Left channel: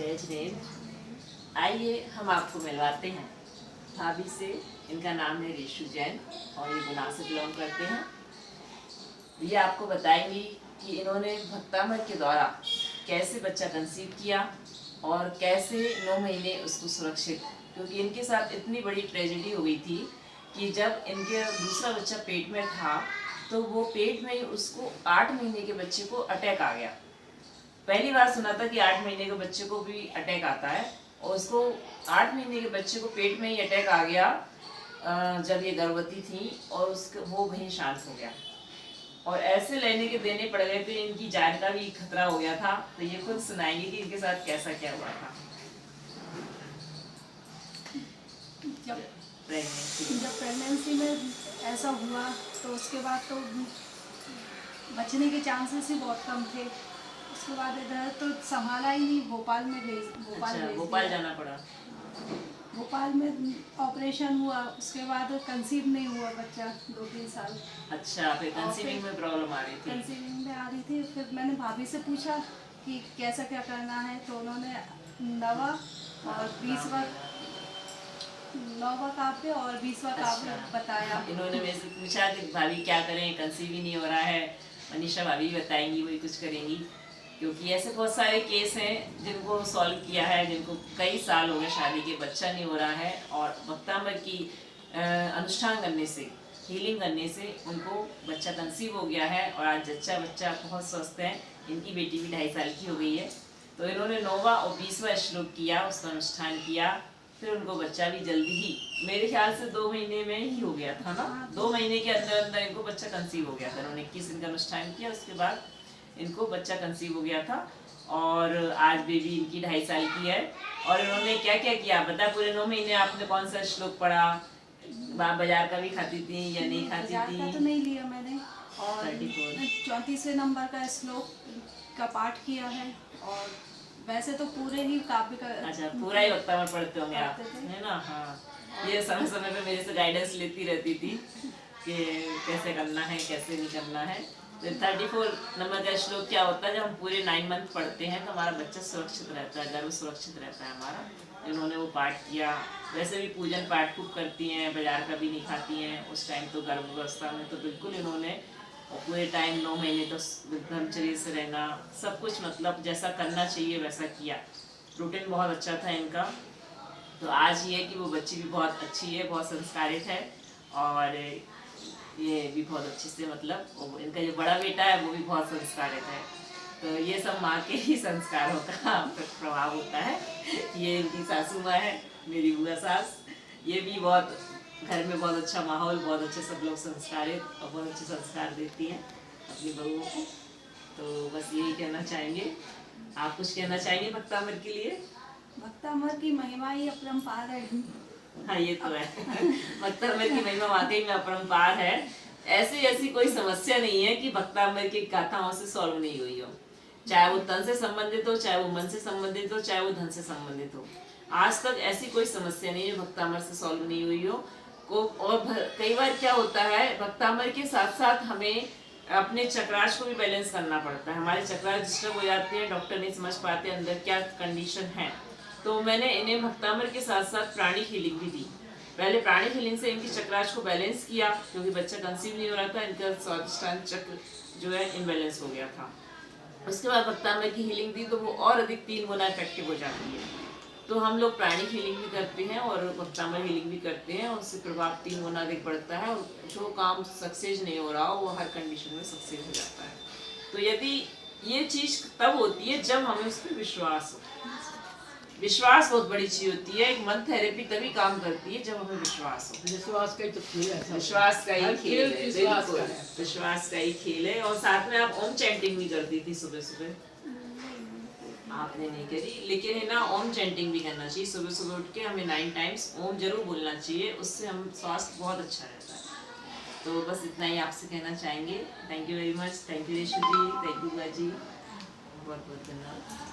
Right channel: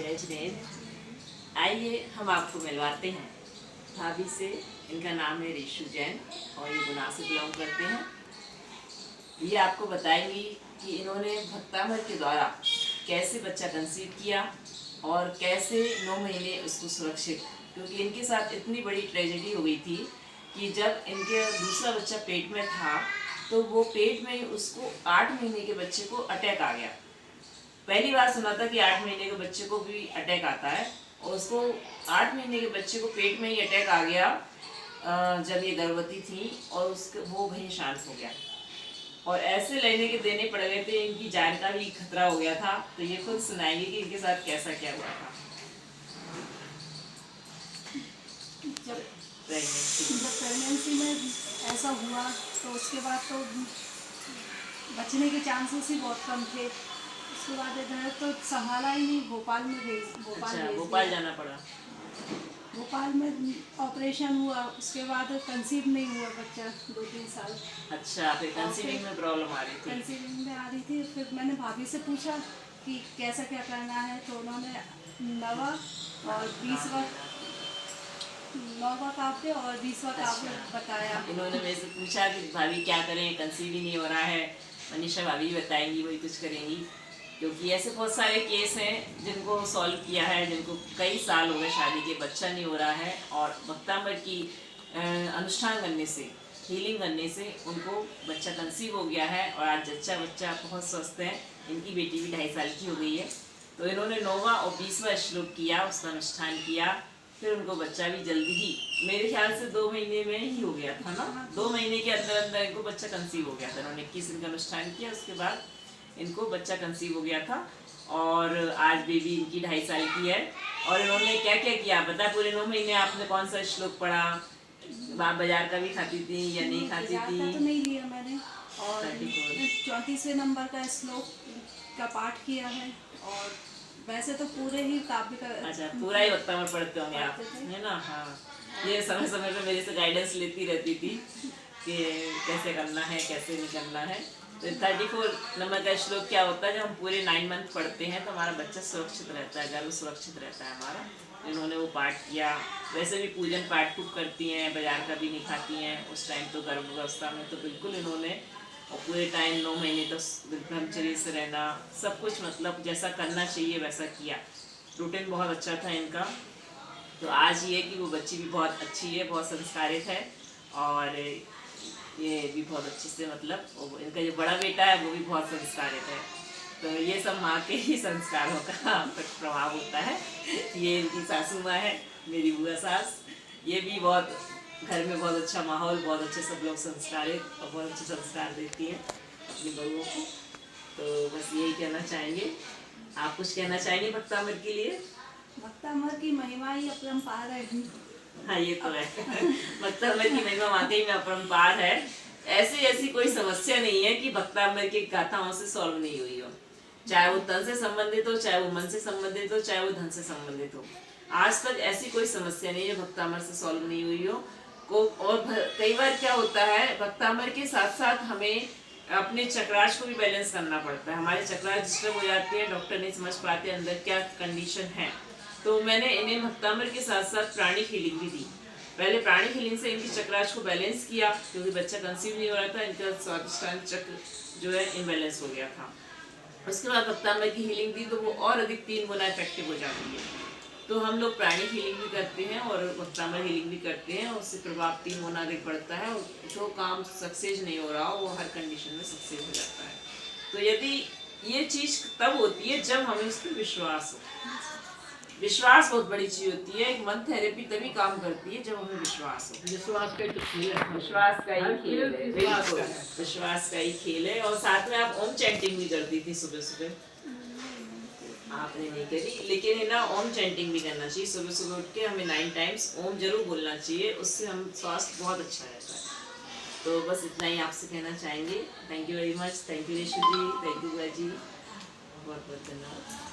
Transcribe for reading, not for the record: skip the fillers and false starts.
जय जिनेन्द्र। आइए हम आपको मिलवाते हैं भाभी से। इनका नाम है ऋषु जैन और ये गुना से बिलोंग करते हैं। ये आपको बताएंगी कि इन्होंने भक्तामृत के द्वारा कैसे बच्चा कंसीव किया और कैसे 9 महीने उसको सुरक्षित, क्योंकि इनके साथ इतनी बड़ी ट्रेजेडी हो गई थी कि जब इनके दूसरा बच्चा पेट में था तो वो पेट में ही उसको 8 महीने के बच्चे को अटैक आ गया। पहली बार सुना था कि 8 महीने के बच्चे को भी अटैक आता है, और उसको 8 महीने के बच्चे को पेट में ही अटैक आ गया जब ये गर्भवती थी, और उसको वो वहीं शांत हो गया और ऐसे लेने के देने पड़ गए थे। इनकी जान का भी खतरा हो गया था। तो ये खुद सुनाएंगे कि इनके साथ कैसा क्या हुआ था। जब प्रेगनेंसी में ऐसा हुआ तो उसके बाद तो बचने के चांसेस ही बहुत कम थे। उसके बाद इधर तो संभाला ही नहीं, भोपाल में भोपाल जाना पड़ा। भोपाल में ऑपरेशन हुआ, उसके बाद कंसीव नहीं हुआ बच्चा 2-3 साल। अच्छा, फिर कंसीविंग में प्रॉब्लम आ रही थी। कंसीविंग में आ रही थी। फिर मैंने भाभी से पूछा कि कैसा क्या करना है, तो उन्होंने 9वां और 20वां काव्य और 20वां काव्य बताया। उन्होंने मेरे से पूछा कि भाभी क्या करें, कंसीव ही नहीं हो रहा है। मनीषा भाभी बताएंगी, वही कुछ करेंगी, क्योंकि ऐसे बहुत सारे केस हैं जिनको सॉल्व किया है, जिनको कई साल हो गए शादी के, बच्चा नहीं हो रहा है, और भक्तामृत की अनुष्ठान करने से, हीलिंग करने से उनको बच्चा कंसीव हो गया है और आज बच्चा बहुत स्वस्थ है। इनकी बेटी भी 2.5 साल की हो गई है। तो इन्होंने 9वां और 20वां श्लोक किया, उसका अनुष्ठान किया, फिर उनको बच्चा भी जल्दी ही, मेरे ख्याल से 2 महीने में ही हो गया था ना। 2 महीने के अंदर अंदर इनको बच्चा कंसीव हो गया था। इन्होंने 21 दिन का अनुष्ठान किया, उसके बाद इनको बच्चा कंसीव हो गया था और आज बेबी इनकी 2.5 साल की है। और इन्होंने क्या क्या किया बता, पूरे 9 महीने आपने कौन सा श्लोक पढ़ा? बाजार का भी खाती थी या नहीं खाती थी? तो नहीं लिया मैंने, और 34वें नंबर का श्लोक का पाठ किया है। और वैसे तो पूरे ही काव्य का, अच्छा, पूरा ही भक्तामृत पढ़ते होंगे आप, है ना? हाँ, ये समय समय पे मेरे से गाइडेंस लेती रहती थी कि कैसे करना है, कैसे नहीं करना है। तो 34 नंबर का श्लोक क्या होता है, जब हम पूरे 9 मंथ पढ़ते हैं तो हमारा बच्चा सुरक्षित रहता है, गर्भ सुरक्षित रहता है हमारा। इन्होंने वो पाठ किया। वैसे भी पूजन पाठ खूब करती हैं, बाजार का भी नहीं खाती हैं। उस टाइम तो गर्भावस्था में तो बिल्कुल इन्होंने, और पूरे टाइम 9 महीने तो ब्रह्मचर्य से रहना, सब कुछ मतलब जैसा करना चाहिए वैसा किया। रूटीन बहुत अच्छा था इनका। तो आज ये है कि वो बच्ची भी बहुत अच्छी है, बहुत संस्कारित है, और ये भी बहुत अच्छे से, मतलब इनका जो बड़ा बेटा है वो भी बहुत संस्कारित है। तो ये सब माँ के ही संस्कारों का प्रभाव होता है। ये इनकी सासू माँ है, मेरी बुआ सास। ये भी बहुत घर में बहुत अच्छा माहौल, बहुत अच्छे सब लोग संस्कारित और बहुत अच्छे संस्कार देती हैं अपनी बहुओं को। तो बस यही कहना चाहेंगे। आप कुछ कहना चाहेंगे भक्तामृत के लिए? भक्तामृत की महिमा ही अपरंपार है। हाँ, ये तो है। भक्तामृत की महिमा वाकई में अपरंपार है। ऐसी कोई समस्या नहीं है कि भक्तामृत की गाथाओं से सॉल्व नहीं हुई हो, चाहे वो तन से संबंधित हो, चाहे वो मन से संबंधित हो, चाहे वो धन से संबंधित हो। आज तक ऐसी कोई समस्या नहीं है भक्तामृत से सॉल्व नहीं हुई हो को। और कई बार क्या होता है, भक्तामृत के साथ साथ हमें अपने चक्राश को भी बैलेंस करना पड़ता है। हमारे चक्राश डिस्टर्ब हो जाते हैं, डॉक्टर नहीं समझ पाते अंदर क्या कंडीशन है। तो मैंने इन्हें भक्तामृत के साथ साथ प्राणिक हीलिंग भी दी। पहले प्राणिक हीलिंग से इनकी चक्राश को बैलेंस किया, क्योंकि बच्चा कंसीव नहीं हो रहा था, इनका स्वादिष्टान चक्र जो है इनबैलेंस हो गया था। उसके बाद भक्तामृत की हीलिंग दी तो वो और अधिक 3 गुना इफेक्टिव हो जाती है। तो हम लोग प्राणिक हीलिंग भी करते हैं और भक्तामृत हीलिंग भी करते हैं, उससे प्रभाव 3 गुना अधिक बढ़ता है, और जो काम सक्सेस नहीं हो रहा हो वो हर कंडीशन में सक्सेस हो जाता है। तो यदि ये चीज़ तब होती है जब हमें उस पर विश्वास हो। विश्वास बहुत बड़ी चीज होती है। एक मन थेरेपी तभी काम करती है जब हमें विश्वास हो। विश्वास का ही तो खेल है। विश्वास का ही खेल है, बिल्कुल विश्वास का ही खेल है। और साथ में आप ओम चैंटिंग भी करती थी सुबह सुबह? आपने नहीं करी, लेकिन है ना, ओम चैंटिंग भी करना चाहिए। सुबह सुबह उठ के हमें 9 टाइम्स ओम जरूर बोलना चाहिए, उससे हम स्वास्थ्य बहुत अच्छा रहता है। तो बस इतना ही आपसे कहना चाहेंगे। Thank you very much. Thank you Rishi ji, thank you बुआ जी, बहुत बहुत धन्यवाद।